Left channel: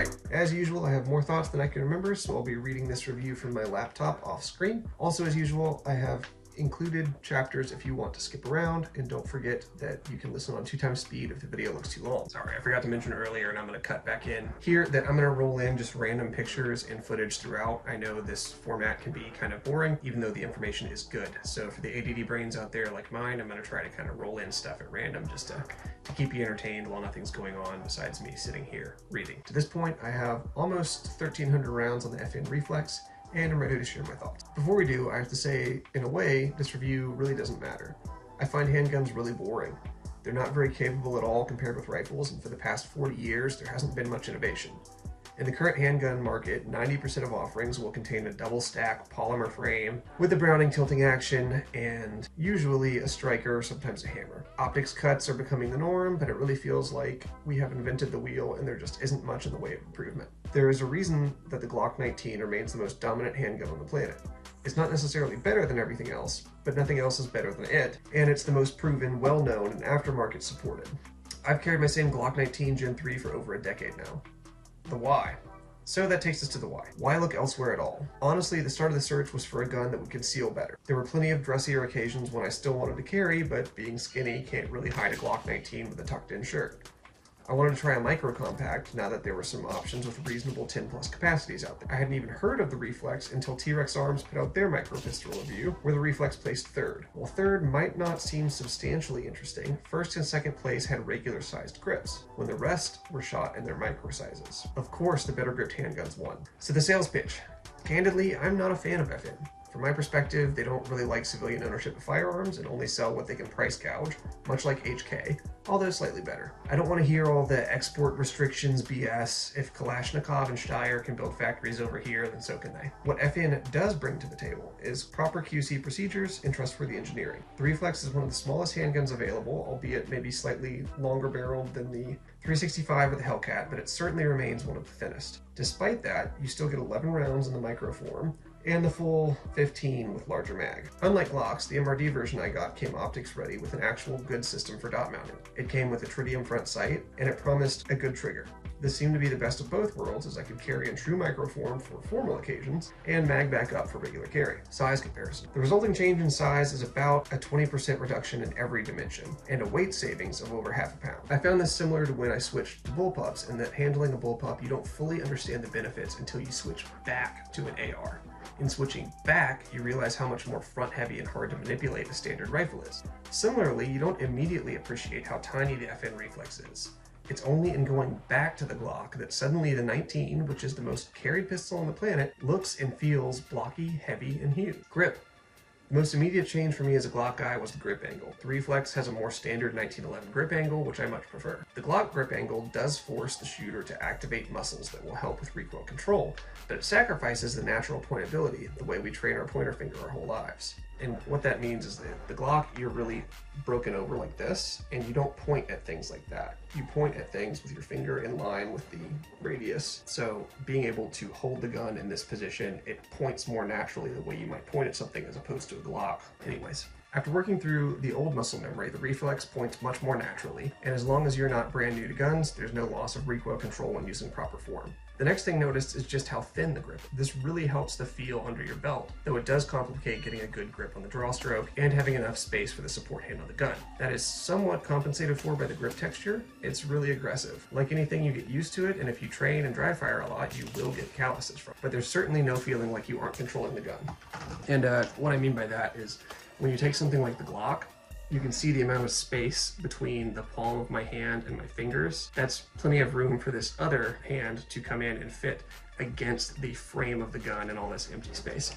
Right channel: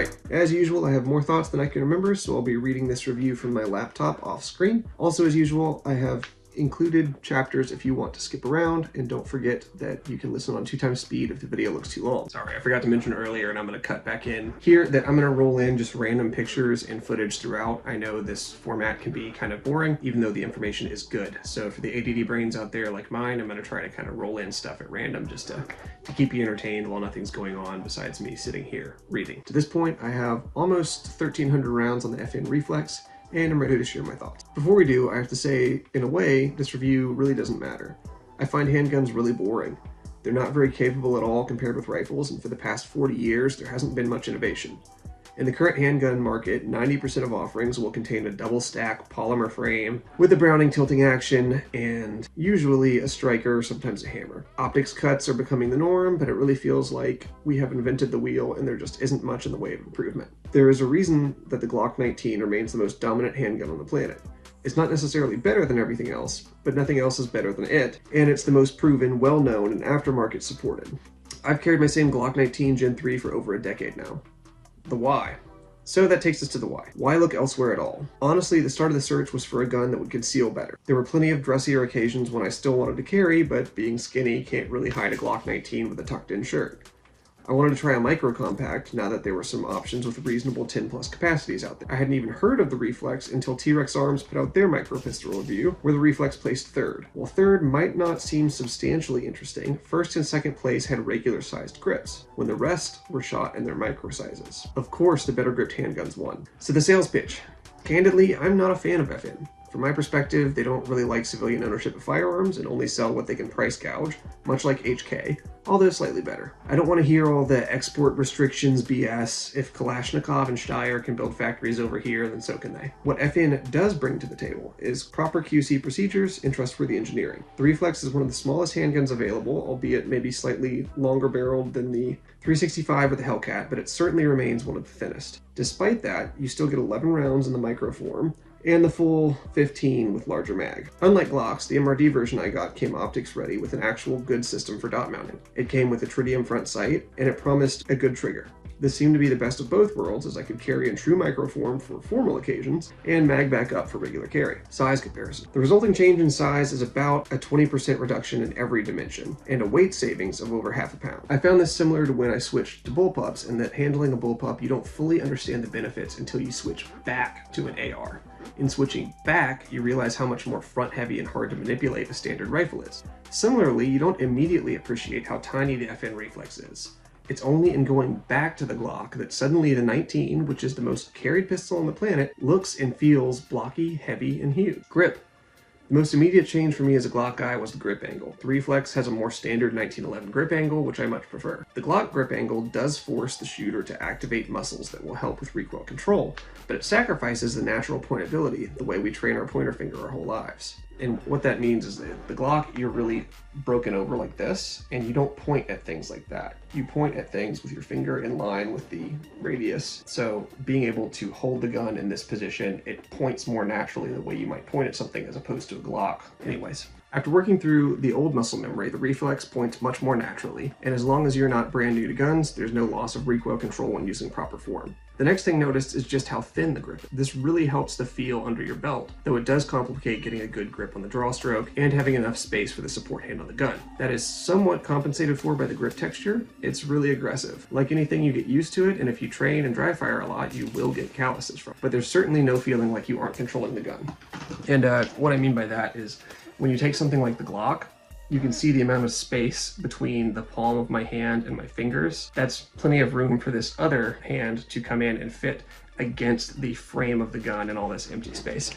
Alright, as usual, I have more thoughts than I can remember, so I'll be reading this review from my laptop off screen. Also, as usual, I have included chapters if you want to skip around, and don't forget that you can listen on 2x speed if the video looks too long. Sorry, I forgot to mention earlier, and I'm going to cut back in here, that I'm going to roll in just random pictures and footage throughout. I know this format can be kind of boring, even though the information is good. So for the ADD brains out there like mine, I'm going to try to kind of roll in stuff at random just to keep you entertained while nothing's going on besides me sitting here reading. To this point, I have almost 1,300 rounds on the FN Reflex, and I'm ready to share my thoughts. Before we do, I have to say, in a way, this review really doesn't matter. I find handguns really boring. They're not very capable at all compared with rifles, and for the past 40 years, there hasn't been much innovation. In the current handgun market, 90% of offerings will contain a double-stack polymer frame with a Browning tilting action and usually a striker or sometimes a hammer. Optics cuts are becoming the norm, but it really feels like we have invented the wheel and there just isn't much in the way of improvement. There is a reason that the Glock 19 remains the most dominant handgun on the planet. It's not necessarily better than everything else, but nothing else is better than it, and it's the most proven, well-known, and aftermarket supported. I've carried my same Glock 19 Gen 3 for over a decade now. The why. So that takes us to the why. Why look elsewhere at all? Honestly, the start of the search was for a gun that would conceal better. There were plenty of dressier occasions when I still wanted to carry, but being skinny can't really hide a Glock 19 with a tucked-in shirt. I wanted to try a micro compact now that there were some options with reasonable 10+ capacities out there. I hadn't even heard of the Reflex until T-Rex Arms put out their micro pistol review, where the Reflex placed third. While third might not seem substantially interesting, first and second place had regular sized grips, when the rest were shot in their micro sizes. Of course, the better gripped handguns won. So the sales pitch. Candidly, I'm not a fan of FN. From my perspective, they don't really like civilian ownership of firearms and only sell what they can price gouge, much like HK, although slightly better. I don't want to hear all the export restrictions BS. If Kalashnikov and Steyr can build factories over here, then so can they. What FN does bring to the table is proper QC procedures and trustworthy engineering. The Reflex is one of the smallest handguns available, albeit maybe slightly longer barreled than the 365 with the Hellcat, but it certainly remains one of the thinnest. Despite that, you still get 11 rounds in the micro form, and the full 15 with larger mag. Unlike Glocks, the MRD version I got came optics ready with an actual good system for dot mounting. It came with a tritium front sight, and it promised a good trigger. This seemed to be the best of both worlds, as I could carry in true micro form for formal occasions, and mag back up for regular carry. Size comparison. The resulting change in size is about a 20% reduction in every dimension, and a weight savings of over ½ pound. I found this similar to when I switched to bullpups, in that handling a bullpup, you don't fully understand the benefits until you switch back to an AR. In switching back, you realize how much more front-heavy and hard to manipulate a standard rifle is. Similarly, you don't immediately appreciate how tiny the FN Reflex is. It's only in going back to the Glock that suddenly the 19, which is the most carried pistol on the planet, looks and feels blocky, heavy, and huge. Grip. The most immediate change for me as a Glock guy was the grip angle. The Reflex has a more standard 1911 grip angle, which I much prefer. The Glock grip angle does force the shooter to activate muscles that will help with recoil control, but it sacrifices the natural pointability, the way we train our pointer finger our whole lives. And what that means is that the Glock, you're really broken over like this, and you don't point at things like that. You point at things with your finger in line with the radius. So being able to hold the gun in this position, it points more naturally the way you might point at something as opposed to a Glock. Anyways. After working through the old muscle memory, the Reflex points much more naturally, and as long as you're not brand new to guns, there's no loss of recoil control when using proper form. The next thing noticed is just how thin the grip is. This really helps the feel under your belt, though it does complicate getting a good grip on the draw stroke and having enough space for the support hand on the gun. That is somewhat compensated for by the grip texture. It's really aggressive. Like anything, you get used to it, and if you train and dry fire a lot, you will get calluses from it. But there's certainly no feeling like you aren't controlling the gun. And what I mean by that is, when you take something like the Glock, you can see the amount of space between the palm of my hand and my fingers. That's plenty of room for this other hand to come in and fit against the frame of the gun and all this empty space.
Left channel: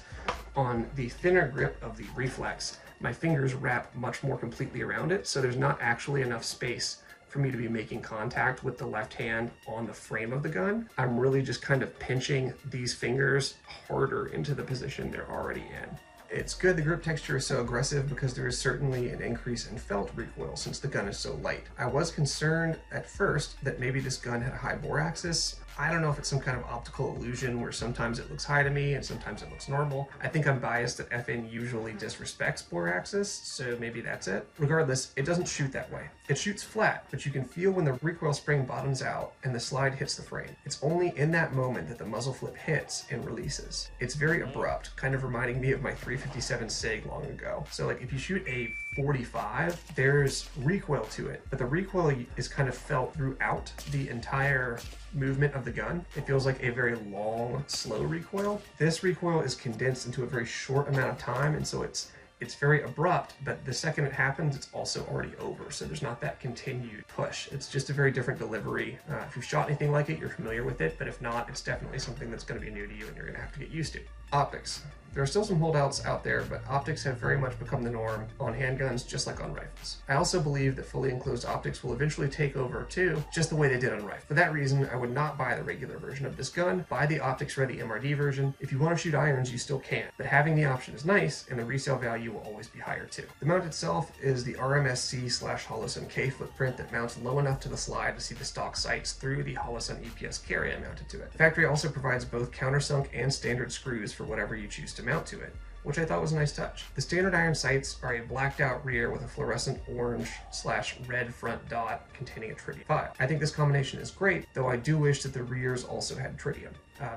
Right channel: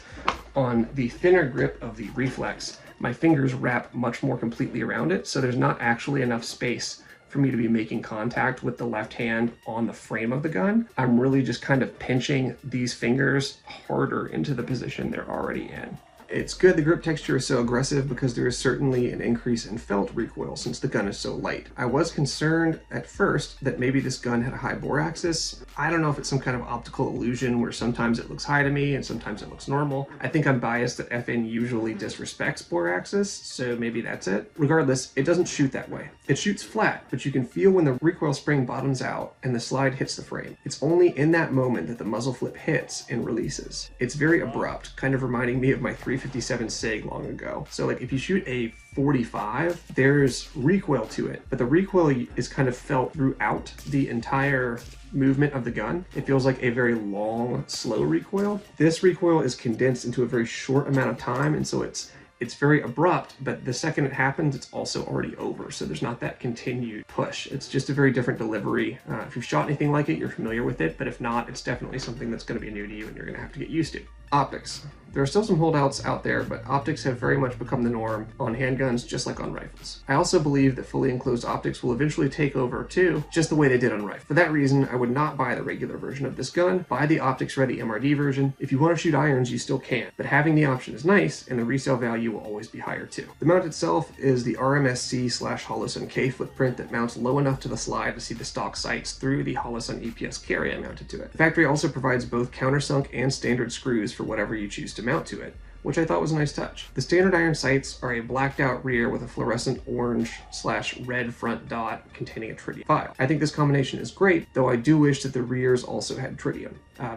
On the thinner grip of the Reflex, my fingers wrap much more completely around it, so there's not actually enough space for me to be making contact with the left hand on the frame of the gun. I'm really just kind of pinching these fingers harder into the position they're already in. It's good the grip texture is so aggressive because there is certainly an increase in felt recoil since the gun is so light. I was concerned at first that maybe this gun had a high bore axis. I don't know if it's some kind of optical illusion where sometimes it looks high to me and sometimes it looks normal. I think I'm biased that FN usually disrespects bore axis, so maybe that's it. Regardless, it doesn't shoot that way. It shoots flat, but you can feel when the recoil spring bottoms out and the slide hits the frame. It's only in that moment that the muzzle flip hits and releases. It's very abrupt, kind of reminding me of my 357 SIG long ago. So like if you shoot a 45, there's recoil to it, but the recoil is kind of felt throughout the entire movement of the gun. It feels like a very long, slow recoil. This recoil is condensed into a very short amount of time, and so it's very abrupt, but the second it happens, it's also already over. So there's not that continued push. It's just a very different delivery. If you've shot anything like it, you're familiar with it, but if not, it's definitely something that's going to be new to you and you're going to have to get used to. Optics. There are still some holdouts out there, but optics have very much become the norm on handguns, just like on rifles. I also believe that fully enclosed optics will eventually take over too, just the way they did on rifles. For that reason, I would not buy the regular version of this gun. Buy the optics-ready MRD version. If you want to shoot irons, you still can, but having the option is nice, and the resale value will always be higher too. The mount itself is the RMSC/Holosun K footprint that mounts low enough to the slide to see the stock sights through the Holosun EPS carry I mounted to it. The factory also provides both countersunk and standard screws for whatever you choose to mount to it, which I thought was a nice touch. The standard iron sights are a blacked out rear with a fluorescent orange/red front dot containing a tritium file. I think this combination is great, though I do wish that the rears also had tritium.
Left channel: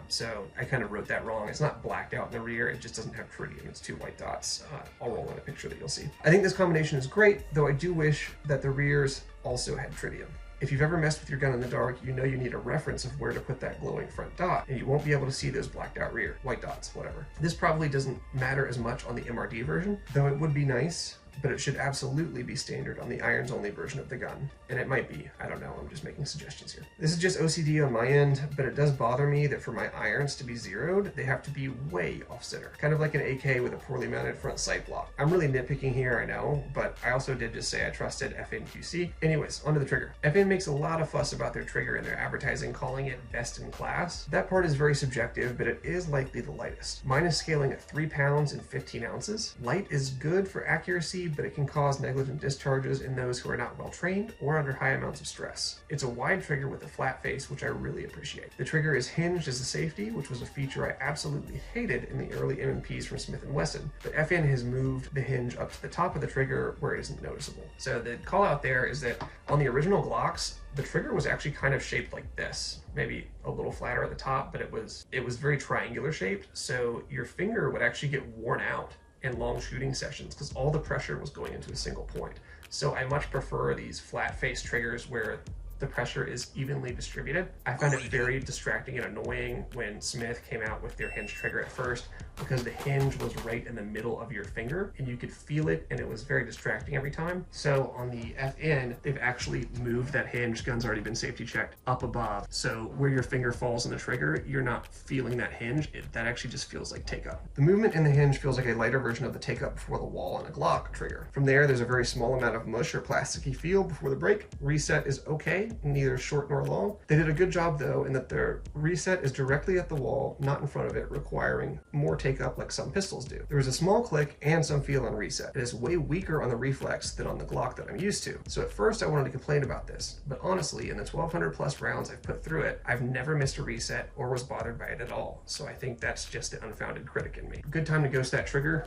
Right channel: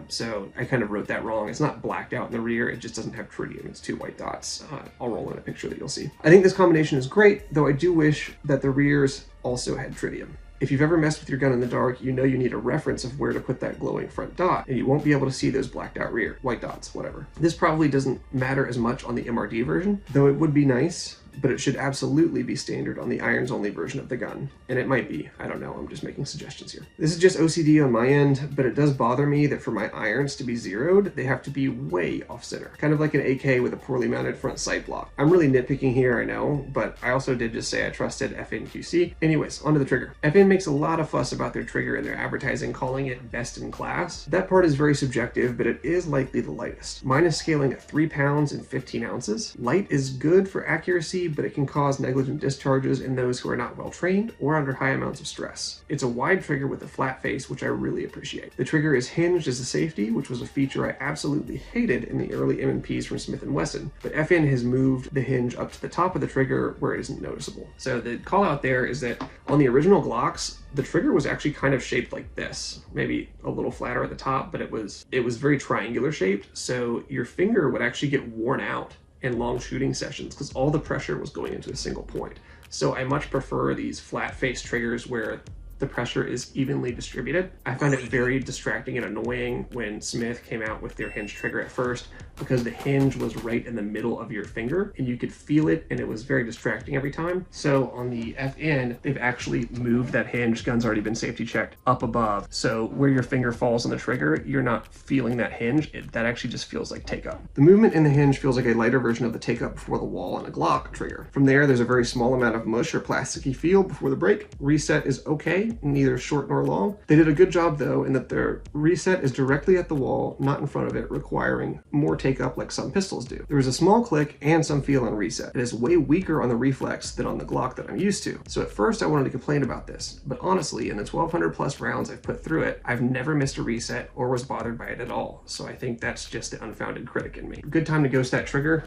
So I kind of wrote that wrong. It's not blacked out in the rear, it just doesn't have tritium. It's two white dots. I'll roll in a picture that you'll see. I think this combination is great, though I do wish that the rears also had tritium. If you've ever messed with your gun in the dark, you know you need a reference of where to put that glowing front dot, and you won't be able to see those blacked out rear, white dots, whatever. This probably doesn't matter as much on the MRD version, though it would be nice, but it should absolutely be standard on the irons only version of the gun. And it might be, I don't know, I'm just making suggestions here. This is just OCD on my end, but it does bother me that for my irons to be zeroed, they have to be way off center. Kind of like an AK with a poorly mounted front sight block. I'm really nitpicking here, I know, but I also did just say I trusted FN QC. Anyways, onto the trigger. FN makes a lot of fuss about their trigger in their advertising, calling it best in class. That part is very subjective, but it is likely the lightest. Mine is scaling at 3 pounds and 15 ounces. Light is good for accuracy, but it can cause negligent discharges in those who are not well trained or under high amounts of stress. It's a wide trigger with a flat face, which I really appreciate. The trigger is hinged as a safety, which was a feature I absolutely hated in the early M&Ps from Smith & Wesson, but FN has moved the hinge up to the top of the trigger where it isn't noticeable. So the call out there is that on the original Glocks, the trigger was actually kind of shaped like this, maybe a little flatter at the top, but it was very triangular shaped, so your finger would actually get worn out in long shooting sessions because all the pressure was going into a single point. So I much prefer these flat face triggers where the pressure is evenly distributed. I found it very distracting and annoying when Smith came out with their hinge trigger at first because the hinge was right in the middle of your finger and you could feel it and it was very distracting every time. So on the FN, they've actually moved that hinge, gun's already been safety checked, up above. So where your finger falls on the trigger, you're not feeling that hinge. That actually just feels like take up. The movement in the hinge feels like a lighter version of the take up before the wall on a Glock trigger. From there's a very small amount of mush or plasticky feel before the break. Reset is okay, neither short nor long. They did a good job though in that their reset is directly at the wall, not in front of it, requiring more take up like some pistols do. There is a small click and some feel on reset. It is way weaker on the reflex than on the Glock that I'm used to. So at first I wanted to complain about this, but honestly in the 1200 plus rounds I've put through it, I've never missed a reset or was bothered by it at all. So I think that's just the unfounded critic in me. Good time to ghost that trigger,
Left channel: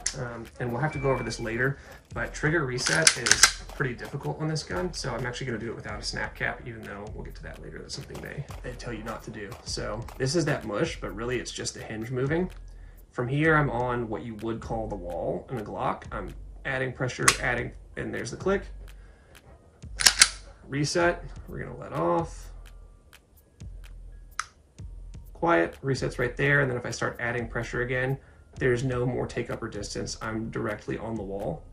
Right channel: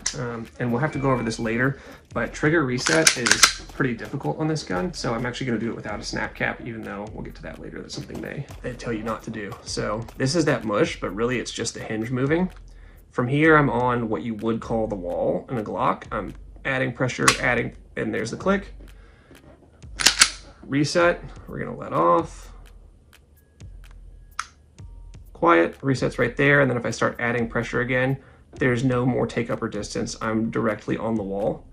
and we'll have to go over this later, but trigger reset is pretty difficult on this gun, so I'm actually going to do it without a snap cap, even though we'll get to that later. That's something they tell you not to do. So this is that mush, but really it's just the hinge moving. From here, I'm on what you would call the wall in a Glock. I'm adding pressure, and there's the click. Reset, we're gonna let off. Quiet, reset's right there, and then if I start adding pressure again, there's no more take up or distance. I'm directly on the wall.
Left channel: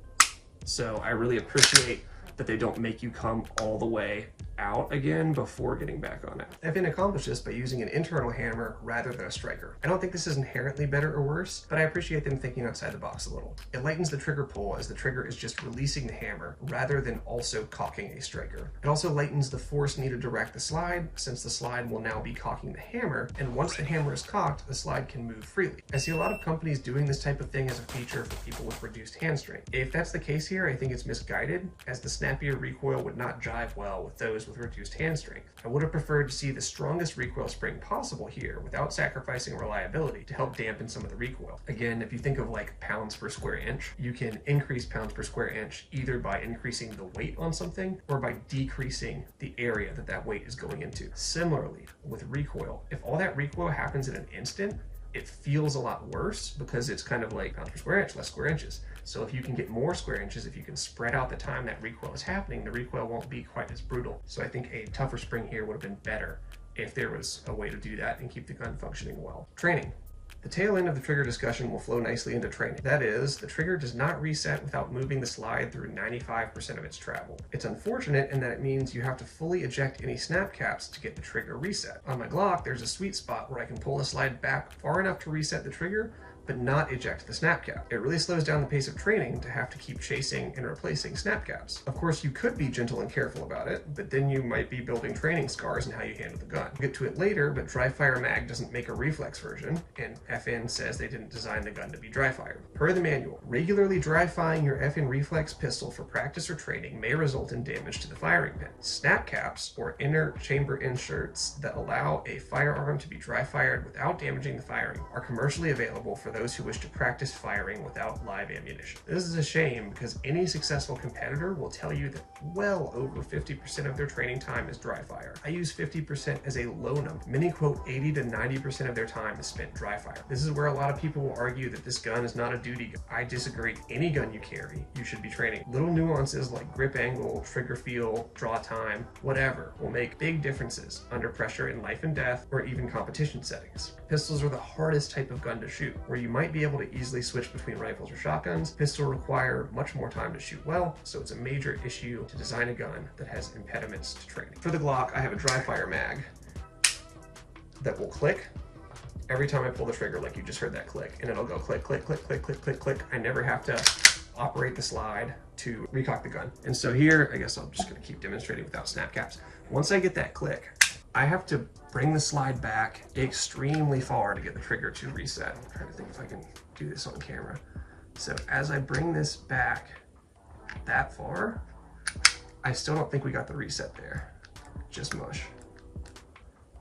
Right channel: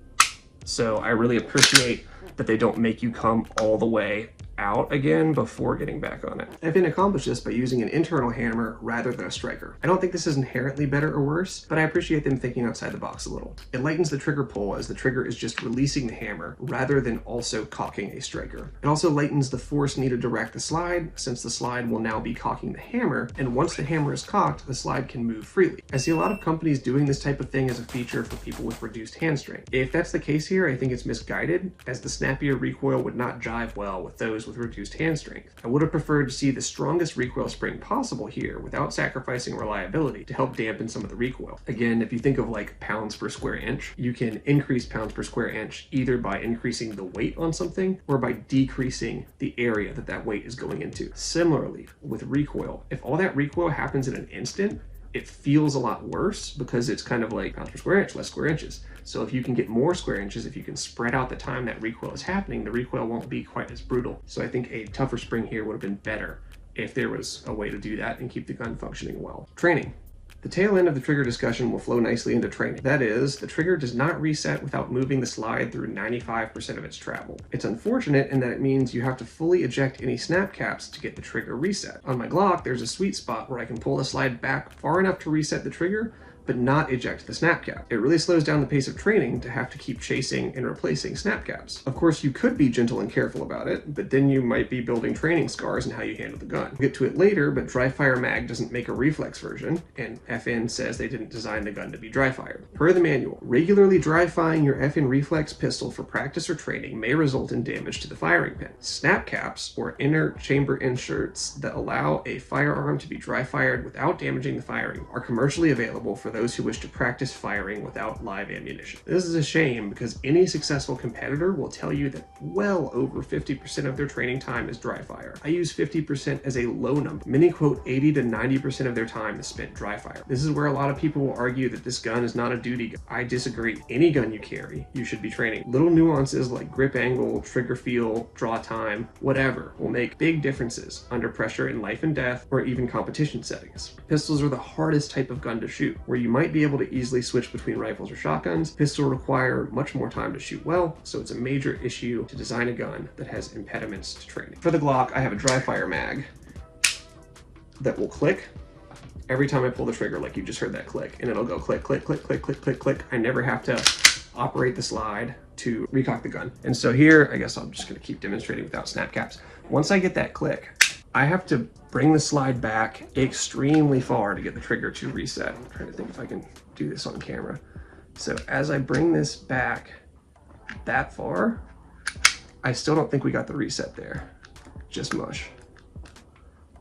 So I really appreciate that they don't make you come all the way out again before getting back on it. FN accomplished this by using an internal hammer rather than a striker. I don't think this is inherently better or worse, but I appreciate them thinking outside the box a little. It lightens the trigger pull as the trigger is just releasing the hammer rather than also cocking a striker. It also lightens the force needed to rack the slide, since the slide will now be cocking the hammer, and once the hammer is cocked, the slide can move freely. I see a lot of companies doing this type of thing as a feature for people with reduced hand strength. If that's the case here, I think it's misguided, as the snappier recoil would not jive well with those with reduced hand strength. I would have preferred to see the strongest recoil spring possible here without sacrificing reliability to help dampen some of the recoil. Again, if you think of like pounds per square inch, you can increase pounds per square inch either by increasing the weight on something or by decreasing the area that that weight is going into. Similarly, with recoil, if all that recoil happens in an instant, it feels a lot worse because it's kind of like pounds per square inch, less square inches. So if you can get more square inches, if you can spread out the time that recoil is happening, the recoil won't be quite as brutal. So I think a tougher spring here would have been better if there was a way to do that and keep the gun functioning well. Training. The tail end of the trigger discussion will flow nicely into training. That is, the trigger does not reset without moving the slide through 95% of its travel. It's unfortunate in that it means you have to fully eject any snap caps to get the trigger reset. On my Glock, there's a sweet spot where I can pull the slide back far enough to reset the trigger, but not eject the snap cap. It really slows down the pace of training to have to keep chasing and replacing snap caps. Of course, you could be gentle and careful about it, but then you might be building training scars in how you handle the gun. We'll get to it later, but dry fire mag doesn't make a reflex version, and FN says they didn't design the gun to be dry fire. Per the manual, regularly dry firing your FN reflex pistol for practice or training may result in damage to the firing pin. Snap caps, or inner chamber inserts that allow a firearm to be dry fired without damaging the firing, are commercially available for those who wish to practice firing without live ammunition. This is a shame because any successful competitor will tell you that well over 50% of their training time is dry fire. I use 50% as a low number. Many quote 80 to 90% of their time is spent dry fire. This is where a lot of people will argue that this gun is not a duty gun. I disagree. Any gun you carry, you should be training. Little nuances like grip angle, trigger feel, draw time, whatever, will make big differences under pressure in life and death or even competition settings. Pistols are the hardest type of gun to shoot, where you might be able to easily switch between rifles or shotguns. Pistols require much more time to shoot well, so it's a major issue to design a gun that has impediments to training. For the Glock, I have a dry fire mag that will click every time I pull the trigger, like you just heard that click, and it'll go click, click, click, click, click, click, click. I never have to operate the slide to recock the gun. And so here, I guess I'm just gonna keep demonstrating without snap caps. Once I get that click, I have to bring the slide back extremely far to get the trigger to reset. I'm trying to think if I can do this on camera. So as I bring this back that far, I still don't think we got the reset there. Just mush.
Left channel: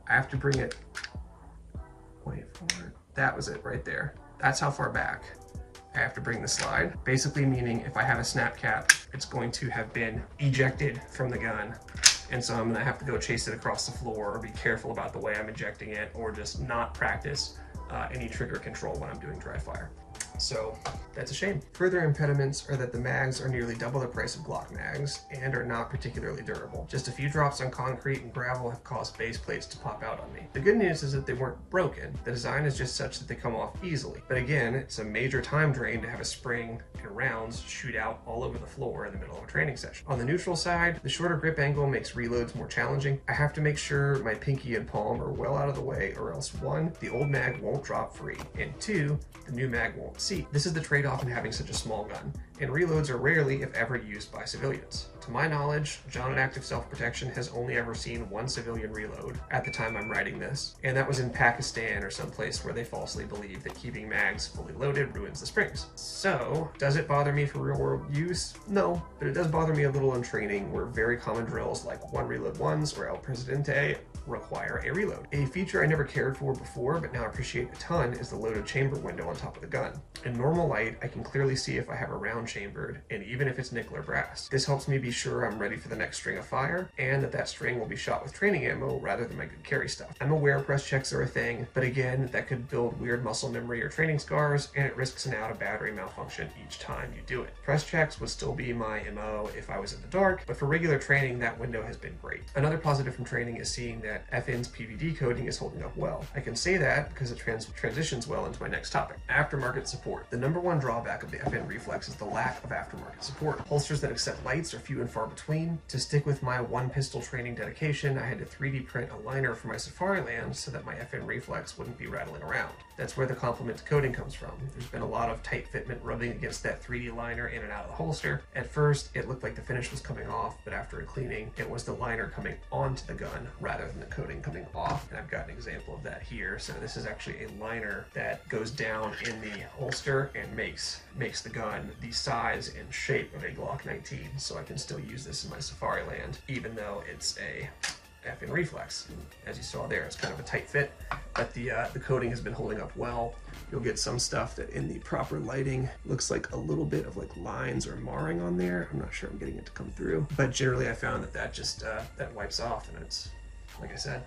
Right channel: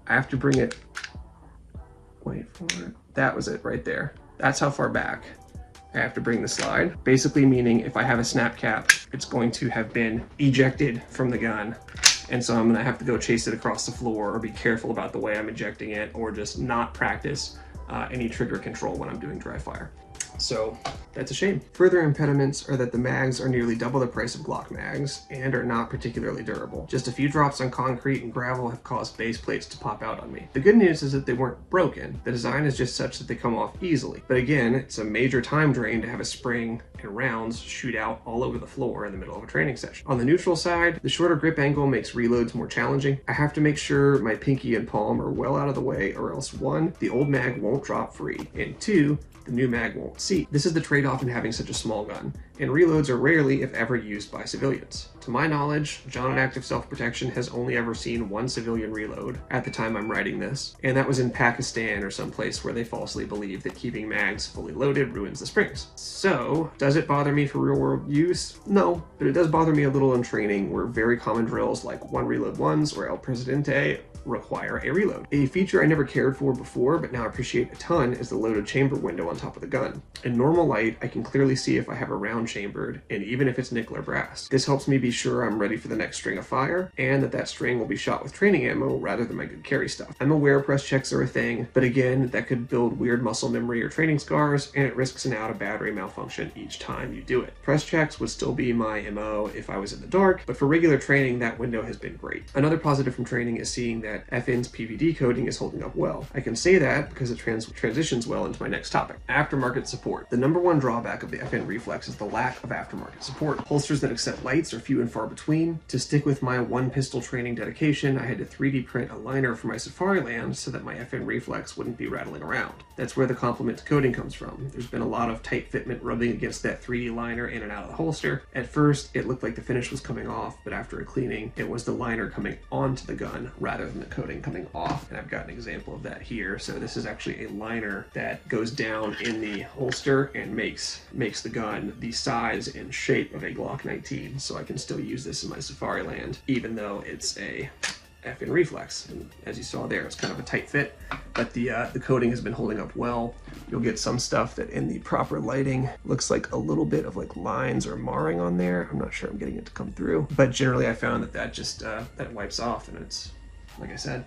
I have to bring it, wait for it. That was it right there. That's how far back I have to bring the slide. Basically meaning if I have a snap cap, it's going to have been ejected from the gun. And so I'm gonna have to go chase it across the floor or be careful about the way I'm ejecting it or just not practice any trigger control when I'm doing dry fire. So that's a shame. Further impediments are that the mags are nearly double the price of Glock mags and are not particularly durable. Just a few drops on concrete and gravel have caused base plates to pop out on me. The good news is that they weren't broken. The design is just such that they come off easily. But again, it's a major time drain to have a spring and rounds shoot out all over the floor in the middle of a training session. On the neutral side, the shorter grip angle makes reloads more challenging. I have to make sure my pinky and palm are well out of the way, or else 1, the old mag won't drop free, and 2, the new mag won't seat. This is the trade-off in having such a small gun, and reloads are rarely, if ever, used by civilians. To my knowledge, John at Active Self-Protection has only ever seen 1 civilian reload at the time I'm writing this, and that was in Pakistan or someplace where they falsely believe that keeping mags fully loaded ruins the springs. So, does it bother me for real-world use? No, but it does bother me a little in training where very common drills like 1 reload 1s or El Presidente require a reload. A feature I never cared for before, but now appreciate a ton, is the loaded chamber window on top of the gun. In normal light, I can clearly see if I have a round chambered, and even if it's nickel or brass. This helps me be sure I'm ready for the next string of fire, and that string will be shot with training ammo rather than my good carry stuff. I'm aware press checks are a thing, but again, that could build weird muscle memory or training scars, and it risks an out of battery malfunction each time you do it. Press checks would still be my MO if I was in the dark, but for regular training, that window has been great. Another positive from training is seeing that FN's PVD coating is holding up well. I can say that because it transitions well into my next topic, aftermarket support. The #1 drawback of the FN Reflex is the lack of aftermarket support. Holsters that accept lights are few and and far between. To stick with my one pistol training dedication, I had to 3D print a liner for my Safariland so that my FN Reflex wouldn't be rattling around. That's where the compliment to coating comes from. There's been a lot of tight fitment rubbing against that 3D liner in and out of the holster. At first, it looked like the finish was coming off, but after a cleaning, it was the liner coming onto the gun rather than the coating coming off. And I've got an example of that here. So this is actually a liner that goes down in the holster and makes the gun the size and shape of a Glock 19. So I can still use this in my Safariland, even though it's a FN Reflex. And as you saw there, it's kind of a tight fit, but the coating has been holding up well. You'll get some stuff that in the proper lighting looks like a little bit of like lines or marring on there. I'm not sure I'm getting it to come through, but generally I found that just that wipes off, and it's, like I said,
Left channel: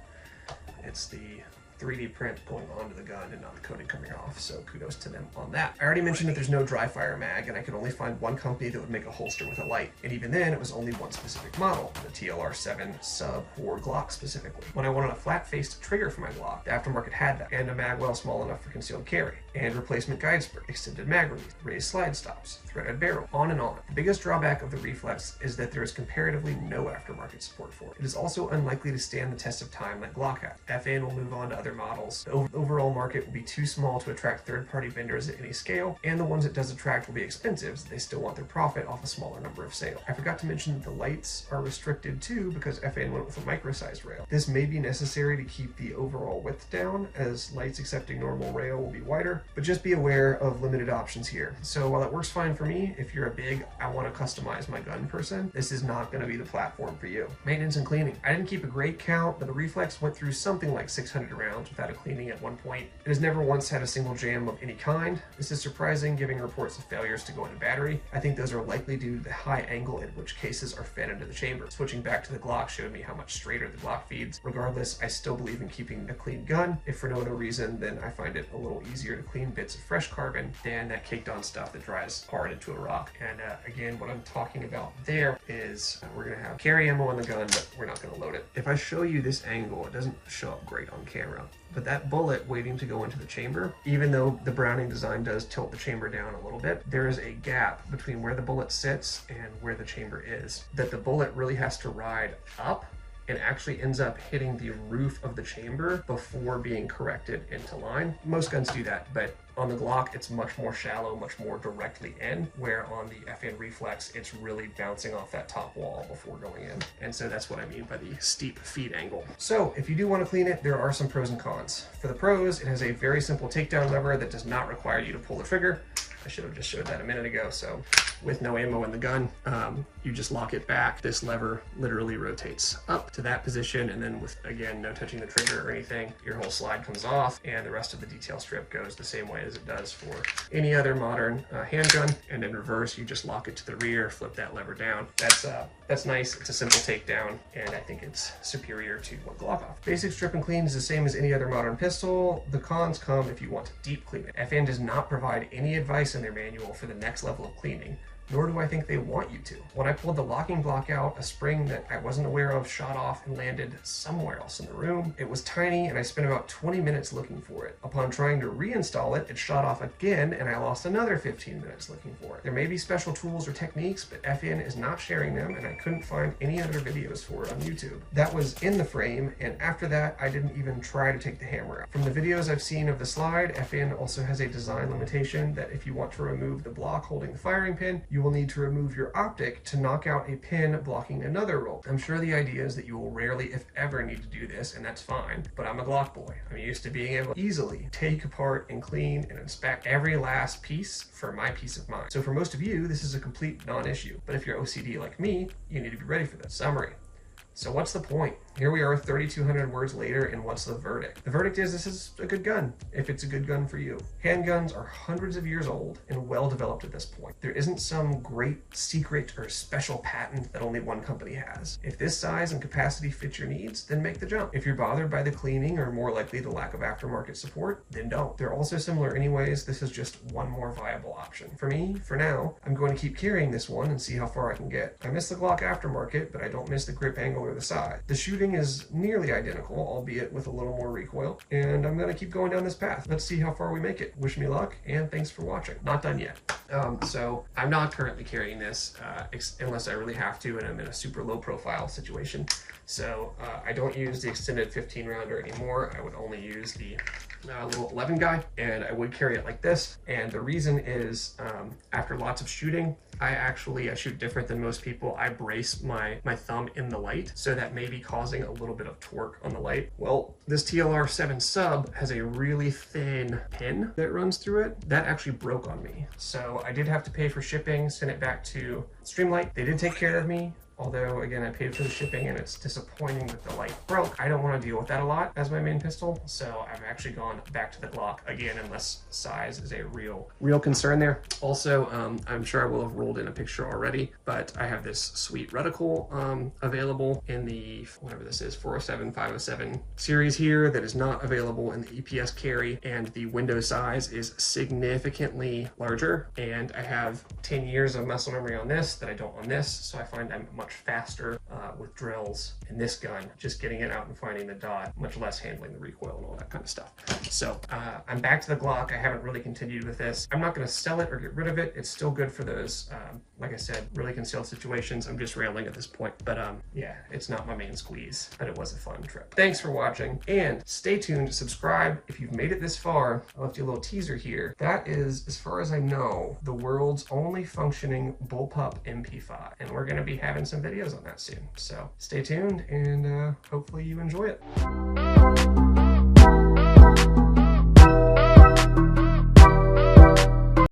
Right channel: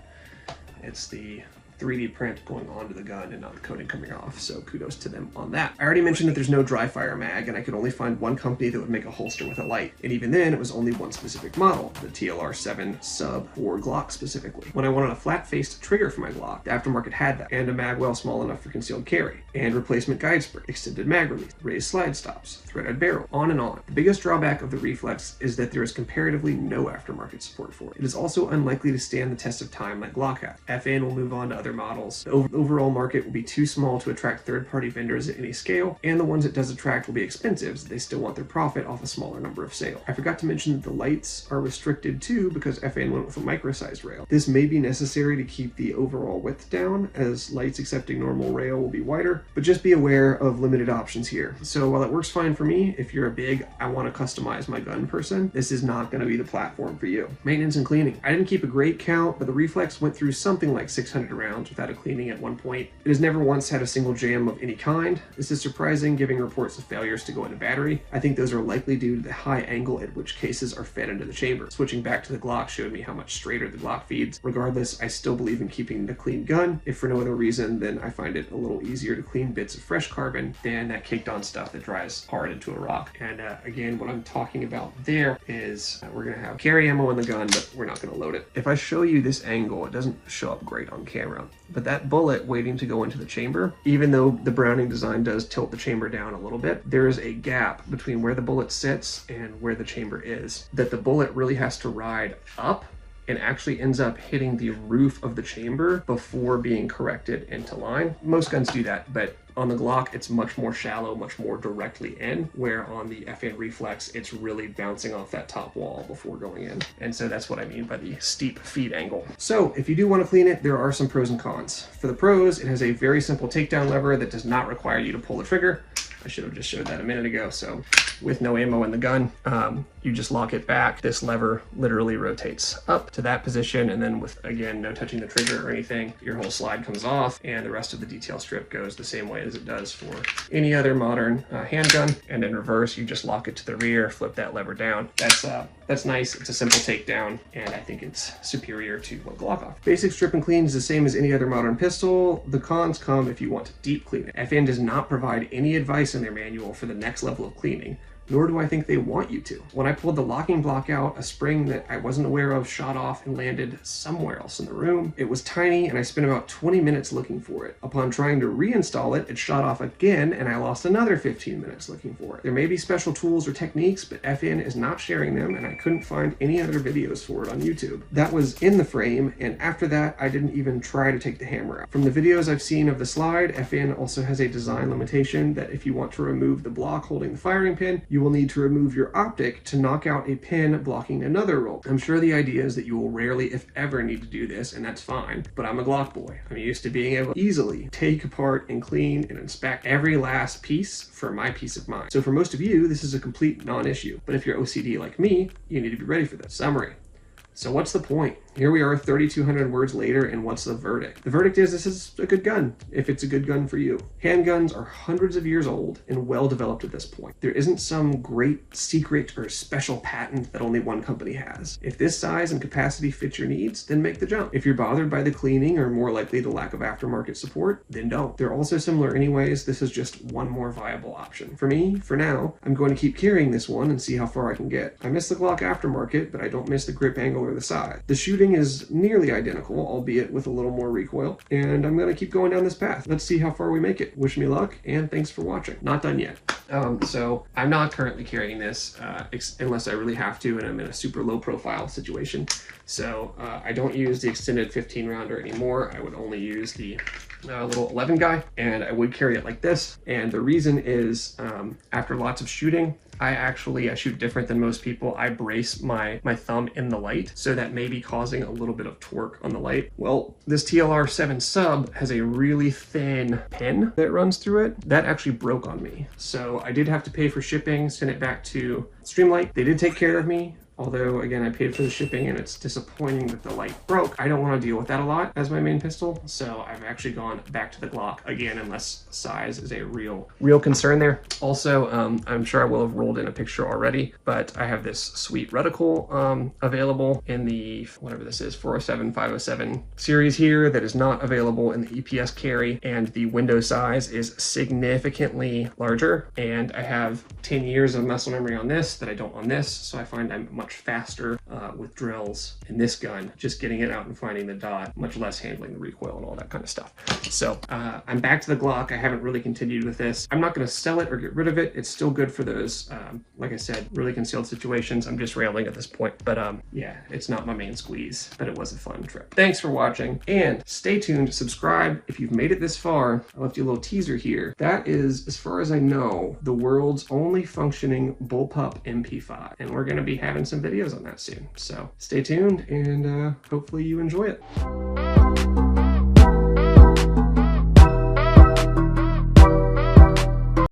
it's the 3D print going onto the gun and not the coating coming off, so kudos to them on that. I already mentioned that there's no dry fire mag, and I could only find one company that would make a holster with a light, and even then it was only one specific model, the TLR7 sub for Glock specifically. When I wanted a flat-faced trigger for my Glock, the Aftermarket had that, and a mag well small enough for concealed carry, and replacement guide spring, extended mag release, raised slide stops, threaded barrel, on and on. The biggest drawback of the Reflex is that there is comparatively no aftermarket support for it. It is also unlikely to stand the test of time like Glock has. FN will move on to other models. The overall market will be too small to attract third-party vendors at any scale, and the ones it does attract will be expensive, so they still want their profit off a smaller number of sales. I forgot to mention that the lights are restricted too because FN went with a micro-sized rail. This may be necessary to keep the overall width down, as lights accepting normal rail will be wider, but just be aware of limited options here. So while it works fine for me, if you're a big, I want to customize my gun person, this is not going to be the platform for you. Maintenance and cleaning. I didn't keep a great count, but the Reflex went through something like 600 rounds without a cleaning at one point. It has never once had a single jam of any kind. This is surprising, given reports of failures to go into battery. I think those are likely due to the high angle at which cases are fed into the chamber. Switching back to the Glock showed me how much straighter the Glock feeds. Regardless, I still believe in keeping the clean gun. If for no other reason, then I find it a little easier to clean bits of fresh carbon than that caked on stuff that dries hard into a rock. And again, what I'm talking about there is we're gonna have carry ammo in the gun, but we're not gonna load it. If I show you this angle, it doesn't show up great on camera, but that bullet waiting to go into the chamber, even though the Browning design does tilt the chamber down a little bit, there is a gap between where the bullet sits and where the chamber is, that the bullet really has to ride up and actually ends up hitting the roof of the chamber before being corrected into line. Most guns do that, but on the Glock, it's much more shallow, much more directly in, where on the FN Reflex, it's really bouncing off that top wall before going in. And so that's what I mean by the steep feed angle. So if you do want to clean it, there are some pros and cons. For the pros, it has a very simple takedown lever that does not require you to pull the trigger. I should have just showed that a minute ago. So with no ammo in the gun, you just lock it back. This lever literally rotates up to that position, and then with, again, no touching the trigger or anything, your whole slide comes off, and the rest of the detail strip goes the same way as it does for any other modern handgun. And in reverse, you just lock it to the rear, flip that lever down. That's nice. It's a simple takedown, and I think it's superior to what Glock offers. Basic strip and clean is the same as any other modern pistol. The cons come if you want to deep clean it. FN does not provide any advice in their manual for the next level of cleaning, nor do I think they want you to. When I pulled the locking block out, a spring that I wasn't aware of shot off and landed somewhere else in the room. It was tiny, and I spent about 20 minutes looking for it. Upon trying to reinstall it, it shot off again, and I lost another 15 minutes looking for it. There may be special tools or techniques, but FN is not sharing them, and I couldn't find any other videos for it on YouTube. That was in the frame, and after that, I didn't even try to take the hammer out. From the videos I've seen of the slide, FN also has a design limitation that if you want to remove the block holding the firing pin, you will need to remove your optic to knock out a pin blocking another roll. I'm sure the idea is that you will rarely, if ever, need to do this, and that's fine, but I'm a Glock boy. I'm used to being able to easily take apart and clean and inspect every last piece for my peace of mind. So for most of you, this is a complete non-issue, but if you're OCD like me, you need to be ready for this. Summary. So what's the point? Here we are 3,200 words later, and what's the verdict? The verdict is this is a good gun, if it's a good gun for you. Handguns are hundreds of years old and well developed at this point. There isn't some great secret or special patent that only one company has. If this size and capacity fits your needs, then make the jump. If you're bothered by the cleaning or more likely the lack of aftermarket support, then don't. They're also similar anyways. This is just one more viable option. For me, for now, I'm going to keep carrying this one and see how far I can get. I miss the Glock aftermarket, but I don't miss the grip angle or similar to size. The shooting is nearly identical, albeit with a little more recoil, and I'm gonna keep going down this path. Let's see how far we make it. Wish me luck, and thanks for watching. Not done yet. So I'm not currently carrying this unless I really have to and I'm in a super low profile situation. So I don't use the extended 15 rounder anymore. I would only use the little 11 guy, and I would carry it like this. And the reason is after lots of shooting, I shoot different than most people. I brace my thumb in the light, so that may be causing a little bit of torque on the light. Well, this TLR7 sub has a really thin pin that runs through it. That actually broke on me. So I did have to pay for shipping, send it back to Streamlight. They did take care of me. Although, again, I paid for the shipping and it's disappointing that the light broke. I don't want to deal with that a lot as my main pistol, so I've actually gone back to the Glock again, unless size is a real concern there. Also, I'm sure I will have rolled in a picture already, but I have this sweet reticle available in the, whatever this is, 407, 507 series here that is not available in the EPS carry, and the window size is significantly larger, and I have 10 years of muscle memory on this that I don't on this, so I find I'm much faster with drills in this gun, just getting it out and finding the dot, much less handling the recoil and all that kind of stuff. So I'm back to the Glock. I haven't really continued with this. I'm not going to sell it or get rid of it. It's still good for those, like I said, really concealed situations. I'm just railing at this point, but yeah, it's not my main squeeze, but it was a fun trip. Thanks for watching, and stay tuned, subscribe if you've made it this far. I left you a little teaser here. That is, as far as I know, the world's only functioning bullpup MP5, and we're going to be having some videos on that soon. So stay tuned, and hopefully you enjoy it.